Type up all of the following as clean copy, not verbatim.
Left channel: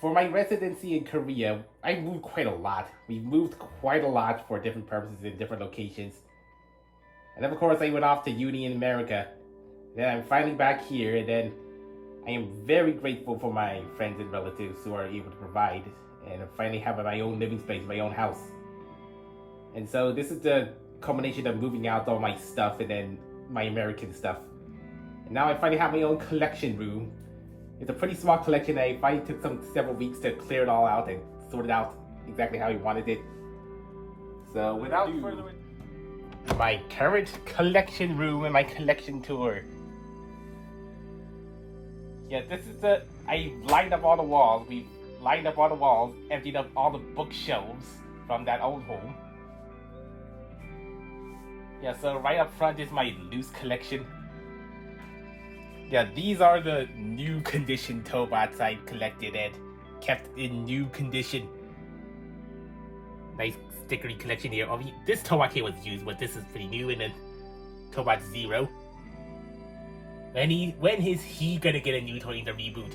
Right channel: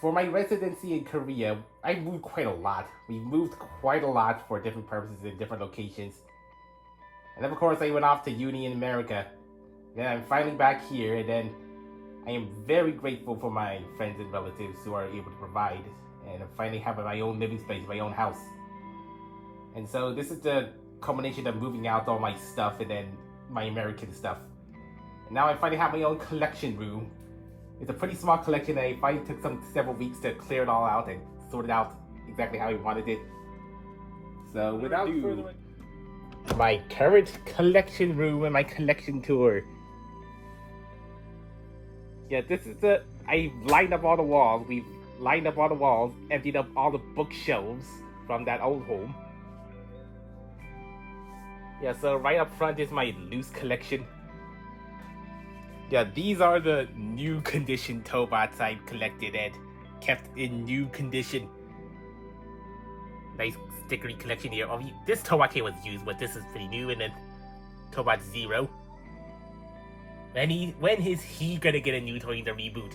For my residency in Korea, I moved quite a lot. We moved quite a lot for different purposes in different locations. And then of course I went off to uni in America. Then I'm finally back here, and then I am very grateful for my friends and relatives who are able to provide, and I finally have my own living space, my own house. And so this is the culmination of moving out all my stuff and then my American stuff. And now I finally have my own collection room. It's a pretty small collection. I finally took several weeks to clear it all out and sort it out exactly how I wanted it. So without further ado, my current collection room and my collection tour. Yeah, this is I lined up all the walls. We've lined up all the walls, emptied up all the bookshelves from that old home. Yeah, so right up front is my loose collection. Yeah, these are the new condition Tobots I collected and kept in new condition. Nice stickery collection here. Oh, this Tobot kit was used, but this is pretty new. And then Tobot Zero. When is he gonna get a new toy in the reboot?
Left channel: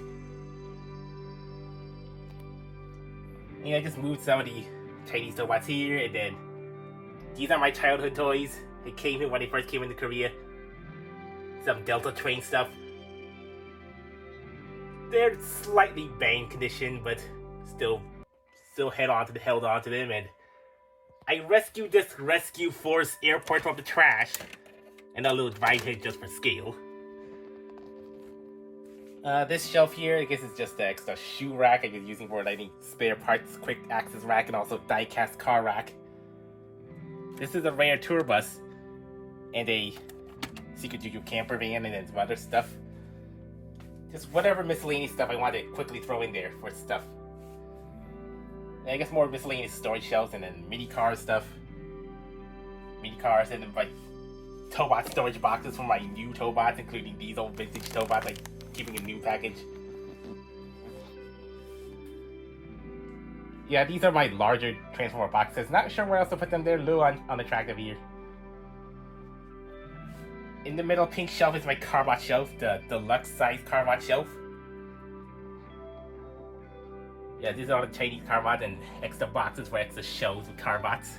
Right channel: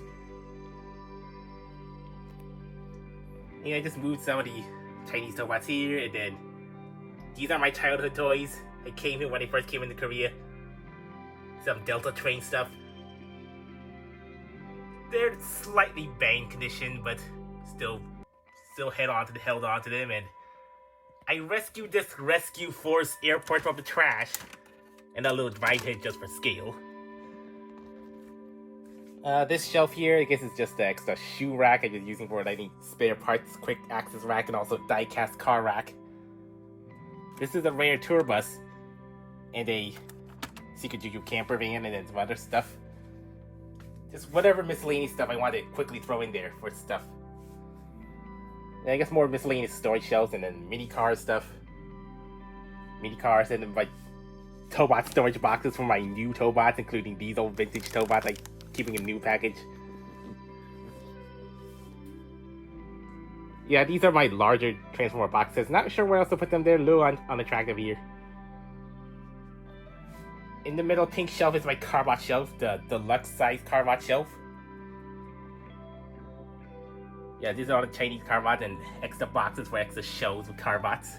Yeah, I just moved some of the Chinese Tobots here, and then these are my childhood toys. I came here when I first came into Korea. Some Delta Train stuff. They're slightly bane condition, but still held on to them, and I rescued this Rescue Force airport from the trash, and a little drive hit just for scale. This shelf here, I guess it's just the extra shoe rack I was using for any spare parts, quick access rack, and also die-cast car rack. This is a rare tour bus, and a Secret Juju camper van, and then some other stuff. Just whatever miscellaneous stuff I want to quickly throw in there for stuff. And I guess more miscellaneous storage shelves, and then mini car stuff. Mini cars, and then my Tobot storage boxes for my new Tobots, including these old vintage Tobots, like keeping a new package. Yeah, these are my larger Transformer boxes. Not sure where else to put them. They're a little unattractive here. In the middle pink shelf is my Carbot shelf, the deluxe size Carbot shelf. Yeah, these are all the Chinese Carbots and extra boxes for extra shelves with Carbots.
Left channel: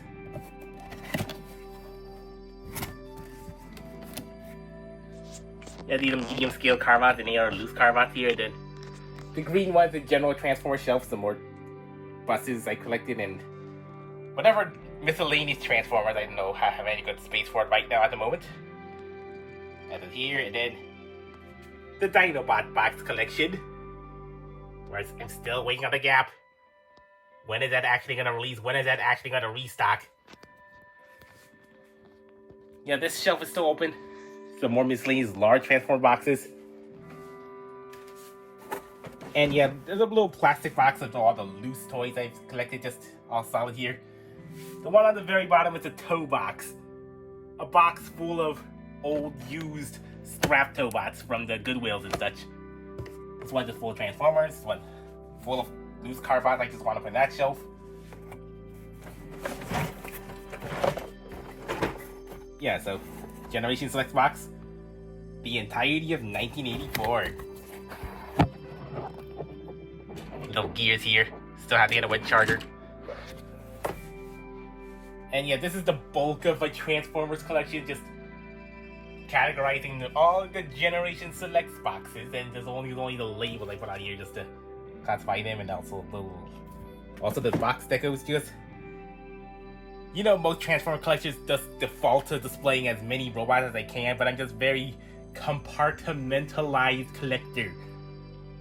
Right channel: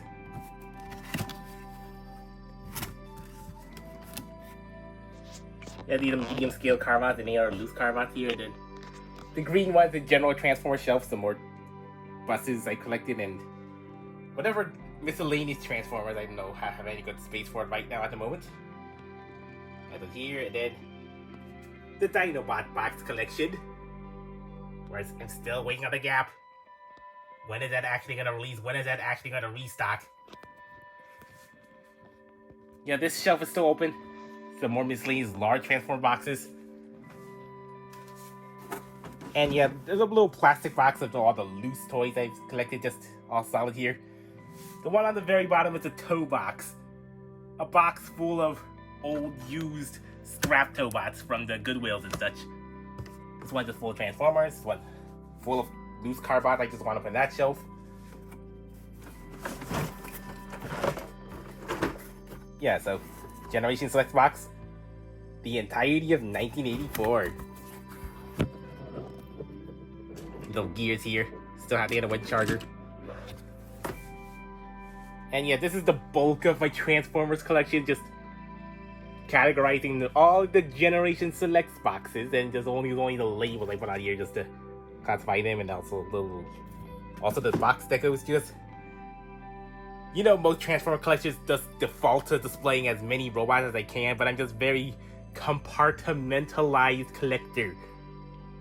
Yeah, these are medium scale Carbots, and they are loose Carbots here. Then the green ones, the general Transformer shelf, some more buses I collected, and whatever miscellaneous Transformers I don't know have any good space for it right now at the moment. Over here, and then the Dinobot box collection. Where I'm still waiting on the Gap. When is that actually gonna release? When is that actually gonna restock? Yeah, this shelf is still open. Some more miscellaneous large Transformer boxes. And yeah, there's a little plastic box of all the loose toys I've collected, just all solid here. The one on the very bottom is a tow box. A box full of old, used, scrap Tobots from the Goodwills and such. This one's just full of Transformers. This one full of loose Carbots. I just want to put in that shelf. Yeah, so Generation Select box. The entirety of 1984. Little gears here. Still have to get a wood charger. And yeah, this is the bulk of my Transformers collection. Just categorizing all the Generation Selects boxes, and there's only the labels I put on here just to classify them, and also the box that goes just. You know, most Transformer collectors just default to displaying as many robots as I can, but I'm just very compartmentalized collector.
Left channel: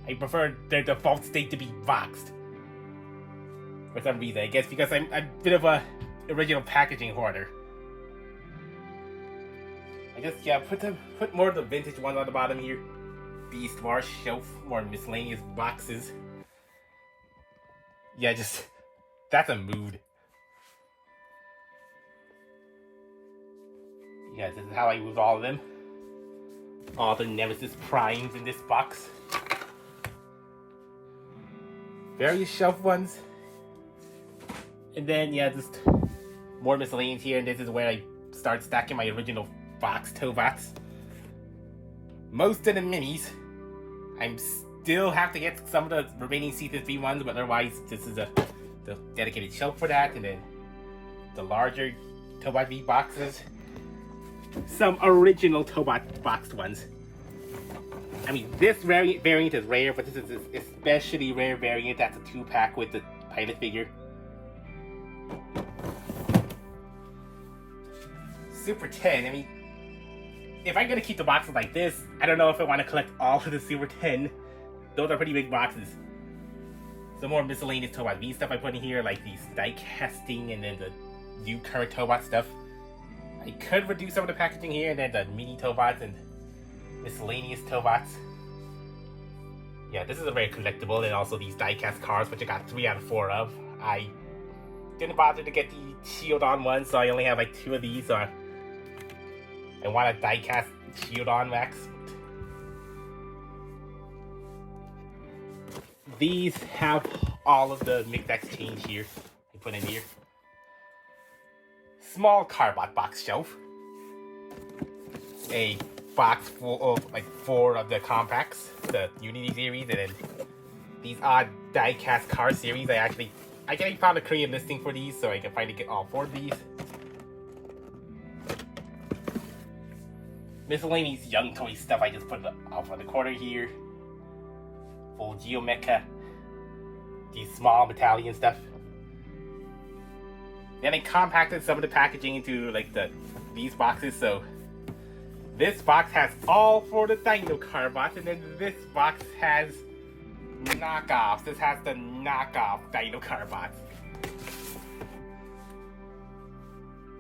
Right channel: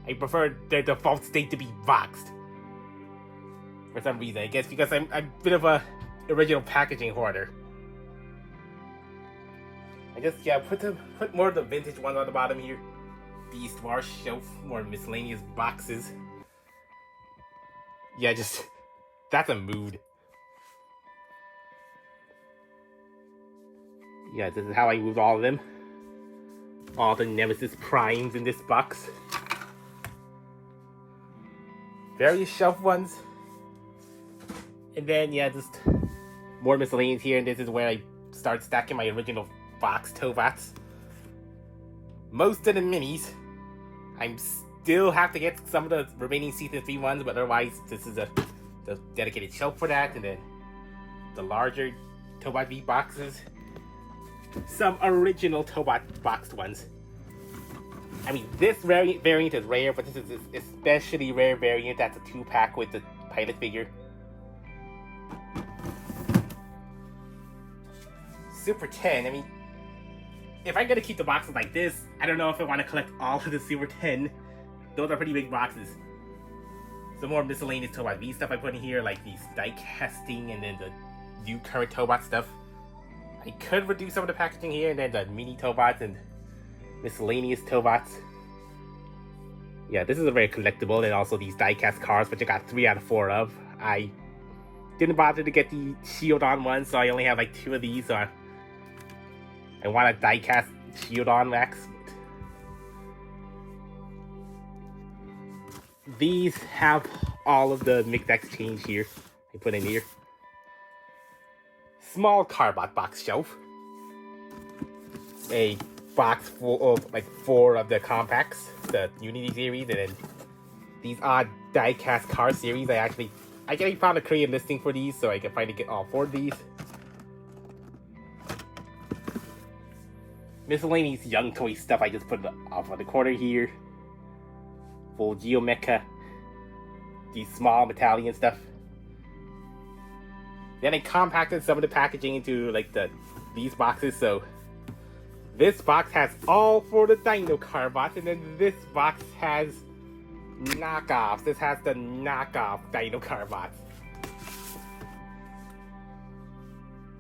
I prefer their default state to be boxed. For some reason, I guess because I'm a bit of a original packaging hoarder. I just, yeah, put more of the vintage ones on the bottom here. Beast Wars shelf, more miscellaneous boxes. Yeah, just, that's a mood. Yeah, this is how I use all of them. All the Nemesis Primes in this box. Various shelf ones. And then, yeah, just more miscellaneous here, and this is where I start stacking my original box Tobots. Most of the minis I'm still have to get some of the remaining season 3 ones, but otherwise this is the dedicated shelf for that, and then the larger Tobot V boxes. Some original Tobot boxed ones. I mean, this variant is rare, but this is an especially rare variant. That's a 2-pack with the pilot figure. Super 10, I mean, if I'm gonna keep the boxes like this, I don't know if I want to collect all of the Super 10. Those are pretty big boxes. Some more miscellaneous Tobot V stuff I put in here, like these die casting and then the new current Tobot stuff. I could reduce some of the packaging here, and then the mini Tobots and miscellaneous Tobots. Yeah, this is a very collectible, and also these die-cast cars, which I got 3 out of 4 of. I didn't bother to get the Shield-On ones, so I only have like 2 of these, so I want a die-cast Shield-On Max. These have all of the mixed exchange here. I put in here. Small Carbot box shelf. A box full of like 4 of the compacts, the Unity series, and then these odd die-cast car series. I actually found a Korean listing for these, so I can finally get all 4 of these. Miscellaneous Young Toy stuff I just put off on the corner here. Full Geomecha. These small Metallian stuff. Then I compacted some of the packaging into like these boxes, so this box has all 4 of the Dino Carbots, and then this box has knockoffs. This has the knockoff Dino Carbots.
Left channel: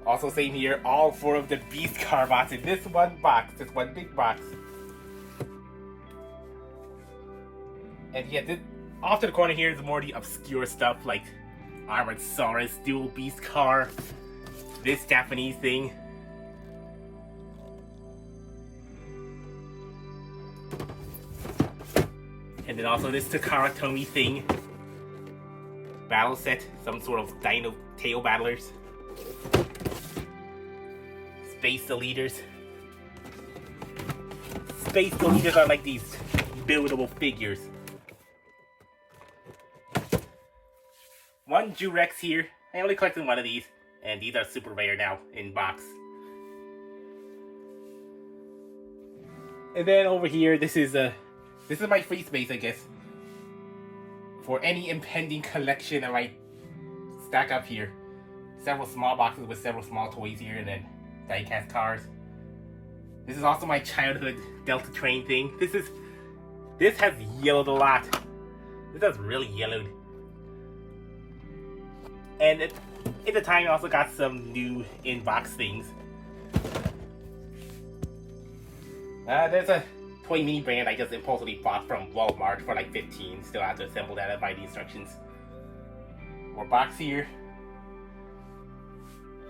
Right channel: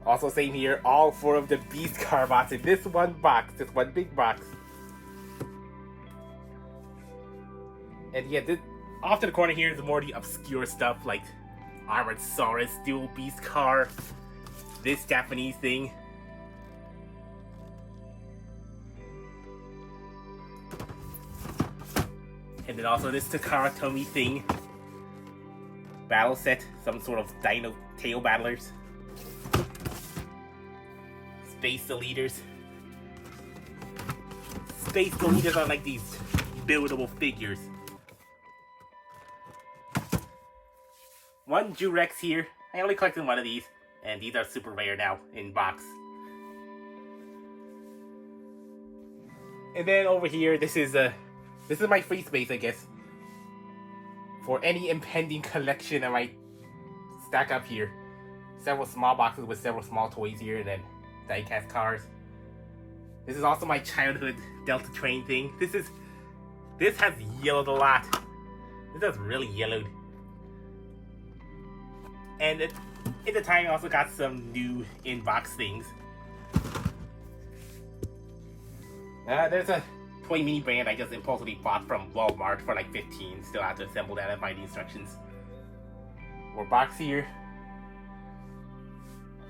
Also same here, all 4 of the Beast Carbots in this one box, this one big box. And yeah, off to the corner here is more the obscure stuff like Armored Saurus, Dual Beast Car, this Japanese thing. And then also this Takara Tomy thing. Battle set, some sort of Dino Tail Battlers. Space Deleters. Space Deleters are like these buildable figures. One Jurex here. I only collected 1 of these, and these are super rare now in box. And then over here, this is my free space, I guess, for any impending collection I might stack up here. Several small boxes with several small toys here, and then die-cast cars. This is also my childhood Delta Train thing. This has yellowed a lot. This has really yellowed. And at the time, I also got some new in-box things. There's a toy mini brand I just impulsively bought from Walmart for like 15. Still have to assemble that and buy the instructions. More box here.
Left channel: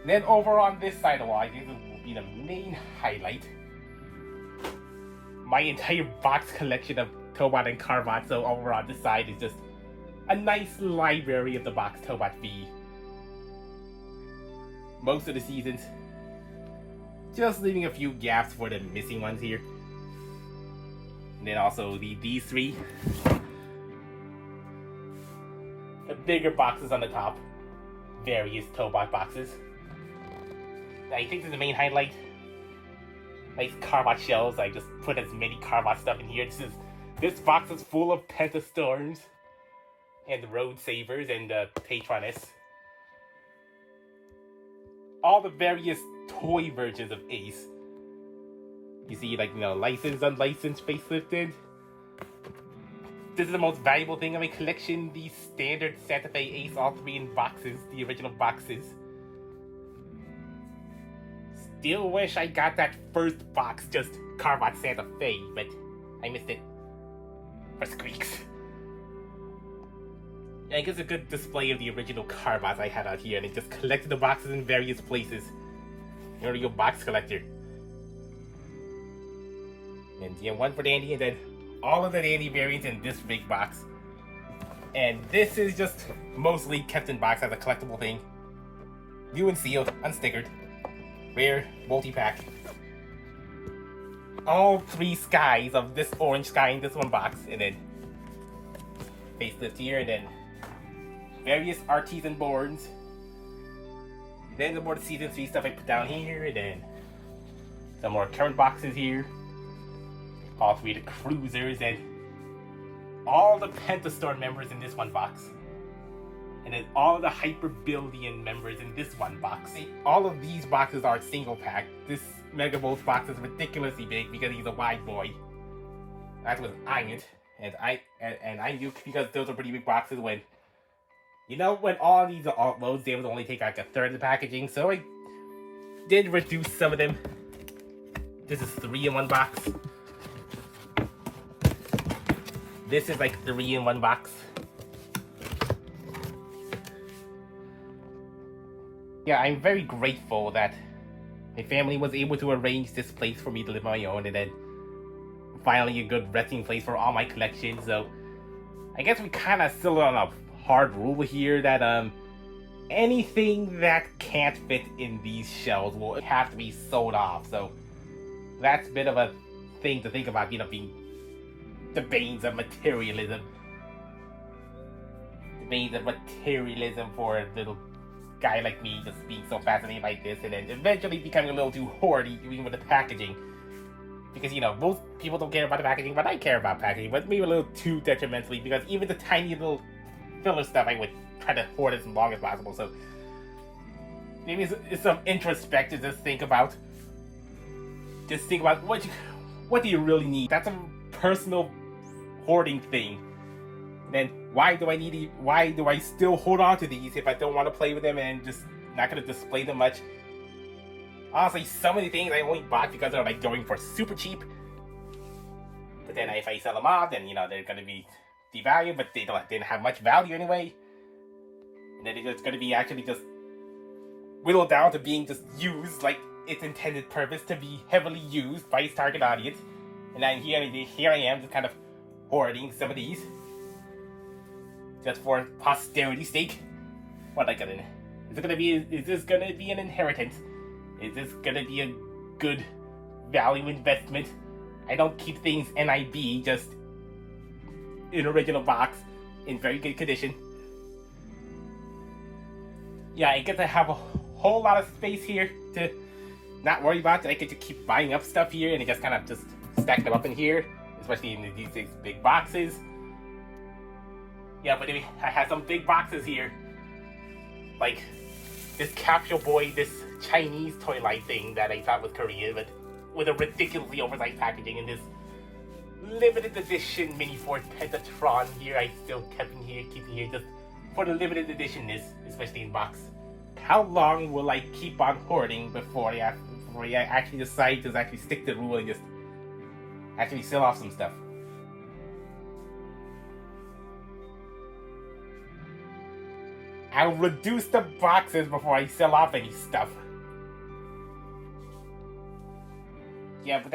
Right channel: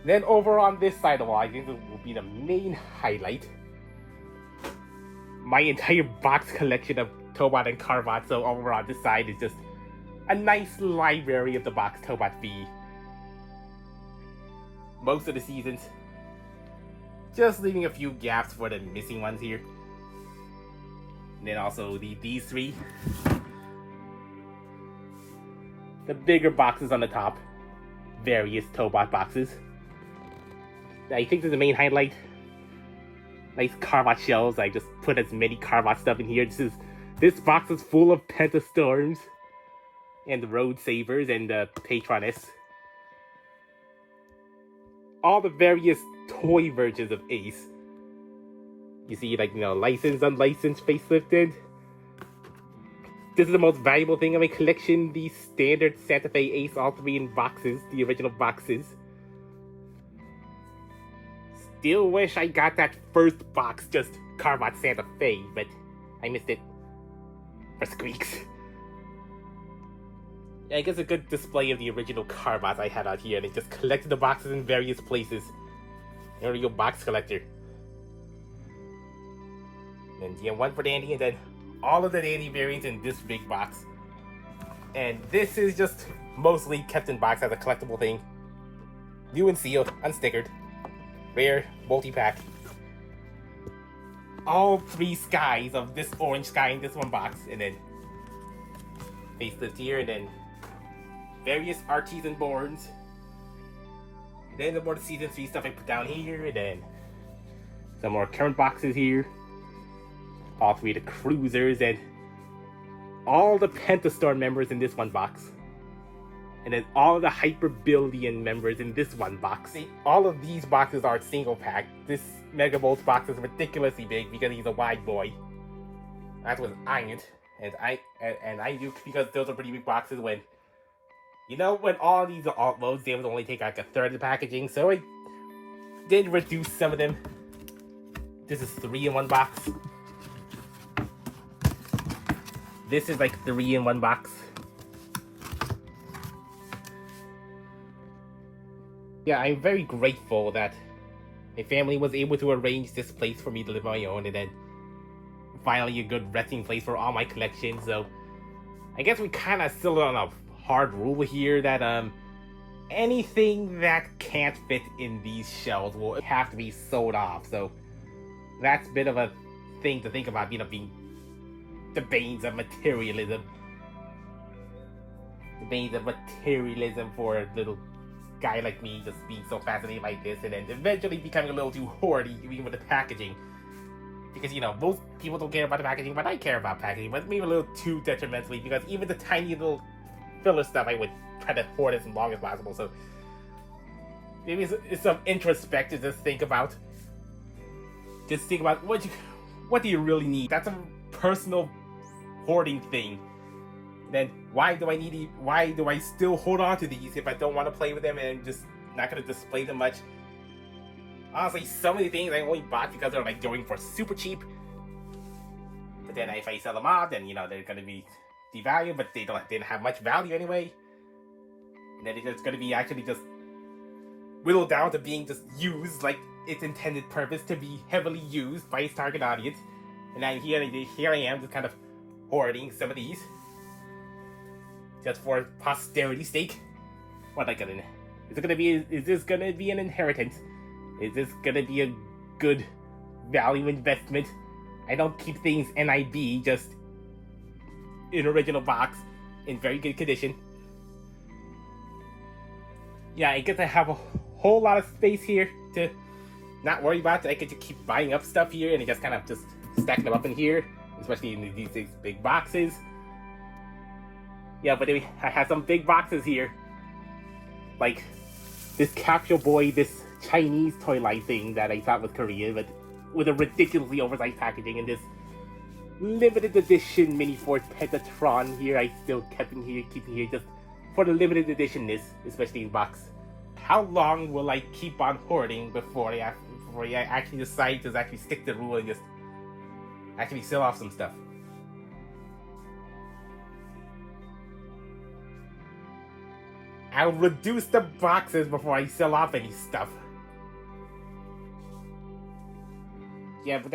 Then over on this side of the wall, I think this will be the main highlight. My entire box collection of Tobot and Carbot. So over on this side is just a nice library of the box Tobot V. Most of the seasons. Just leaving a few gaps for the missing ones here. And then also these 3. The bigger boxes on the top. Various Tobot boxes. I think this is the main highlight. Nice Carbot shells. I just put as many Carbot stuff in here. This box is full of Pentastorms. And the Road Savers and the Patroness. All the various toy versions of Ace. You see, like, licensed, unlicensed, facelifted. This is the most valuable thing in my collection. The standard Santa Fe Ace, all 3 in boxes, the original boxes. Still wish I got that first box, just Carbot Santa Fe, but I missed it. For squeaks. I guess a good display of the original Carbots I had out here, and I just collected the boxes in various places. There we go, box collector. And yeah, 1 for Dandy, and then all of the Dandy variants in this big box. And this is just mostly kept in box as a collectible thing. New and sealed, unstickered. Rare, multi-pack. All 3 skies of this orange sky in this one box, and then facelift here, and then various artisan boards. Then the more season 3 stuff I put down here, and then some more current boxes here. All three of the cruisers, and all the Pentastorm members in this one box. And then all of the Hyperbillion members in this one box. All of these boxes are single pack. This Mega Bolts box is ridiculously big because he's a wide boy. That was iron, and I do, because those are pretty big boxes. When when all these are alt loads, they would only take like a third of the packaging, so I did reduce some of them. This is 3 in 1 box. This is like 3 in 1 box. Yeah, I'm very grateful that my family was able to arrange this place for me to live on my own, and then finally a good resting place for all my collections. So I guess we kind of still on a hard rule here that anything that can't fit in these shelves will have to be sold off. So that's a bit of a thing to think about, being the banes of materialism. The banes of materialism for a little guy like me, just being so fascinated by this, and then eventually becoming a little too hoardy even with the packaging. Because most people don't care about the packaging, but I care about packaging, but maybe a little too detrimentally, because even the tiny little filler stuff I would try to hoard as long as possible. So maybe it's some introspective to think about. Just think about what do you really need. That's a personal hoarding thing. Then why do I still hold on to these if I don't want to play with them and just not going to display them much? Honestly, some of the things I only bought because they're like going for super cheap. But then if I sell them off, then they're going to be devalued, but they didn't have much value anyway. And then it's going to be actually just whittled down to being just used like its intended purpose, to be heavily used by its target audience. And then here I am, just kind of hoarding some of these, just for posterity's sake. What am I gonna? Is this gonna be an inheritance? Is this gonna be a good value investment? I don't keep things NIB, just in original box, in very good condition. Yeah, I get to have a whole lot of space here to not worry about. I get to keep buying up stuff here, and just kind of just stack them up in here, especially in these big boxes. Yeah, but I have some big boxes here, like this Capsule Boy, this Chinese toy line thing that I thought was Korean, but with a ridiculously oversized packaging, and this limited edition mini Ford Pentatron here I still keeping here just for the limited editionness, especially in box. How long will I keep on hoarding before I actually decide to actually stick to the rule and just actually sell off some stuff? I'll reduce the boxes before I sell off any stuff. Yeah, but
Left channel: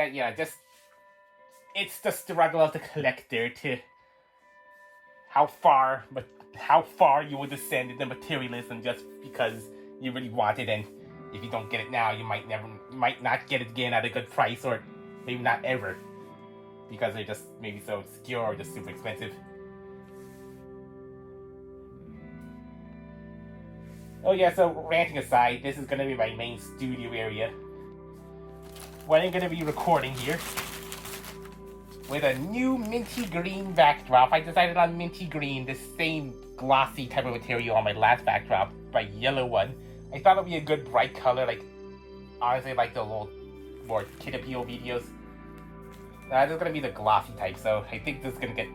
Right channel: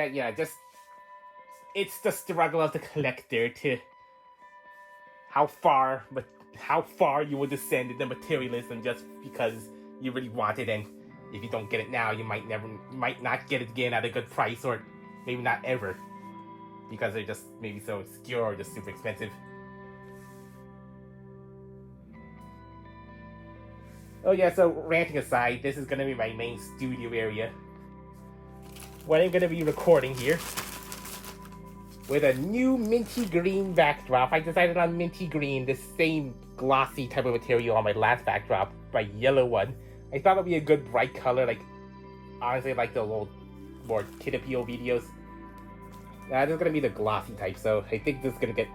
it's the struggle of the collector to how far you will descend into materialism just because you really want it, and if you don't get it now, you might not get it again at a good price, or maybe not ever, because they're just maybe so obscure or just super expensive. Oh yeah, so ranting aside, this is going to be my main studio area, where I'm going to be recording here, with a new minty green backdrop. I decided on minty green, the same glossy type of material on my last backdrop, my yellow one. I thought it would be a good bright color, like, honestly, like the little more kid appeal videos. This is going to be the glossy type, so I think this is going to get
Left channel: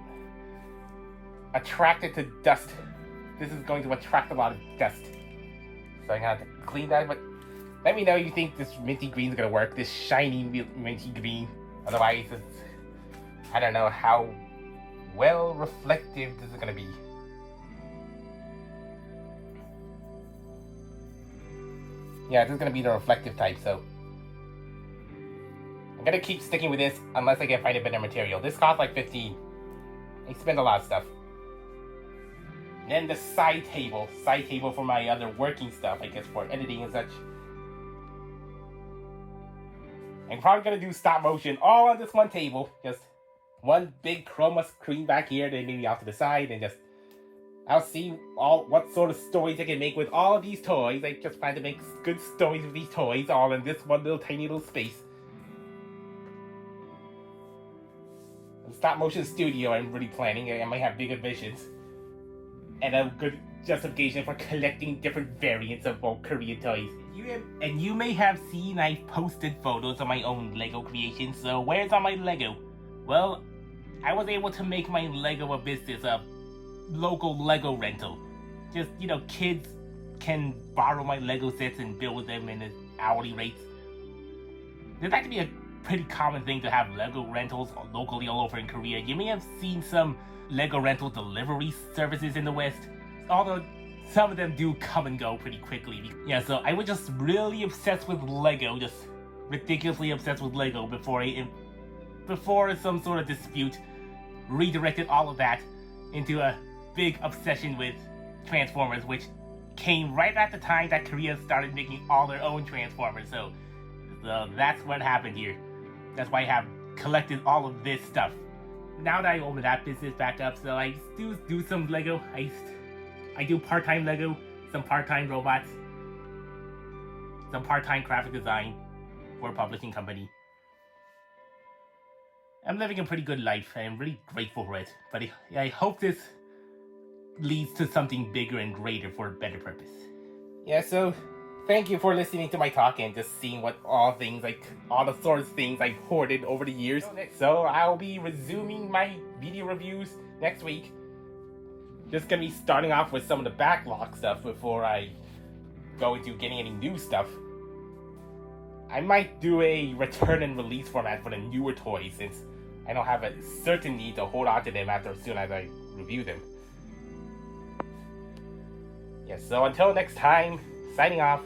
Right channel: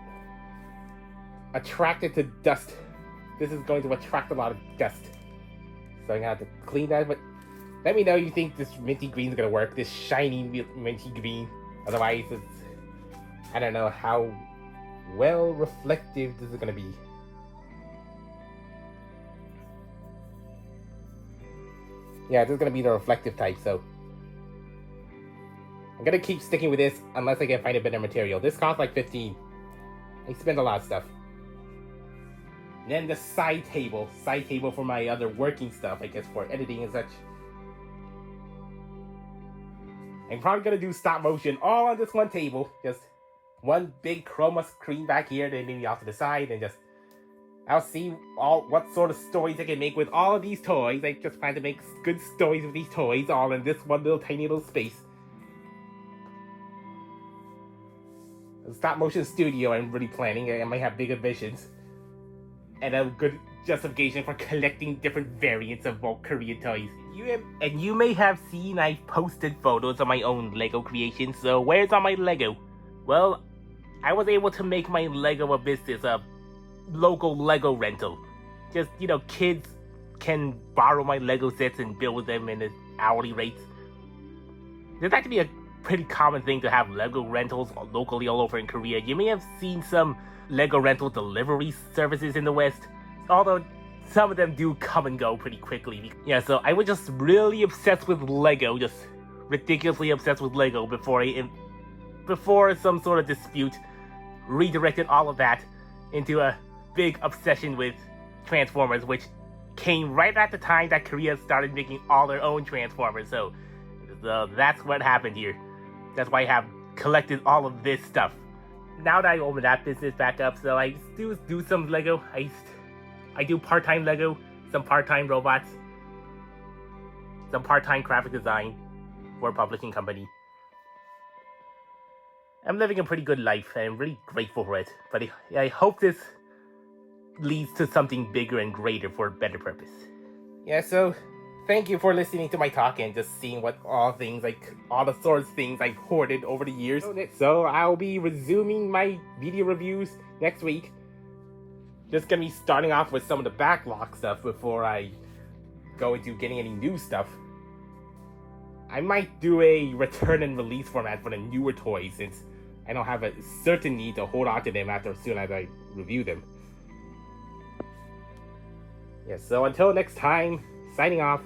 attracted to dust. This is going to attract a lot of dust. So I'm going to have to clean that, but let me know you think this minty green is going to work, this shiny minty green. Otherwise, I don't know how well reflective this is going to be. Yeah, this is going to be the reflective type, so I'm going to keep sticking with this unless I can find a better material. This costs like $15. I spend a lot of stuff. And then the side table for my other working stuff, I guess for editing and such. I'm probably going to do stop motion all on this one table, just one big chroma screen back here, then maybe off to the side, and just I'll see what sort of stories I can make with all of these toys. I just plan to make good stories with these toys, all in this one little tiny little space. The stop motion studio I'm really planning. I might have bigger visions. And a good justification for collecting different variants of both Korean toys. You may have seen I've posted photos of my own Lego creations, so where's all my Lego? Well, I was able to make my Lego a business, a local Lego rental. Just, kids can borrow my Lego sets and build them in the hourly rates. There's actually a pretty common thing to have Lego rentals locally all over in Korea. You may have seen some Lego rental delivery services in the West, although some of them do come and go pretty quickly. Yeah, so I was just really obsessed with Lego, just ridiculously obsessed with Lego before some sort of dispute redirected all of that into a big obsession with Transformers, which came right at the time that Korea started making all their own Transformers. So that's what happened here. That's why I have collected all of this stuff. Now that I open that business back up, so I do some Lego. I do part-time Lego, some part-time robots, some part-time graphic design for a publishing company. I'm living a pretty good life, and I'm really grateful for it. But I hope this leads to something bigger and greater for a better purpose. Yeah, so thank you for listening to my talk and just seeing what all the sorts of things I've hoarded over the years. So I'll be resuming my video reviews next week. Just gonna be starting off with some of the backlog stuff before I go into getting any new stuff. I might do a return and release format for the newer toys, since I don't have a certain need to hold on to them as soon as I review them. Yeah, so until next time, signing off.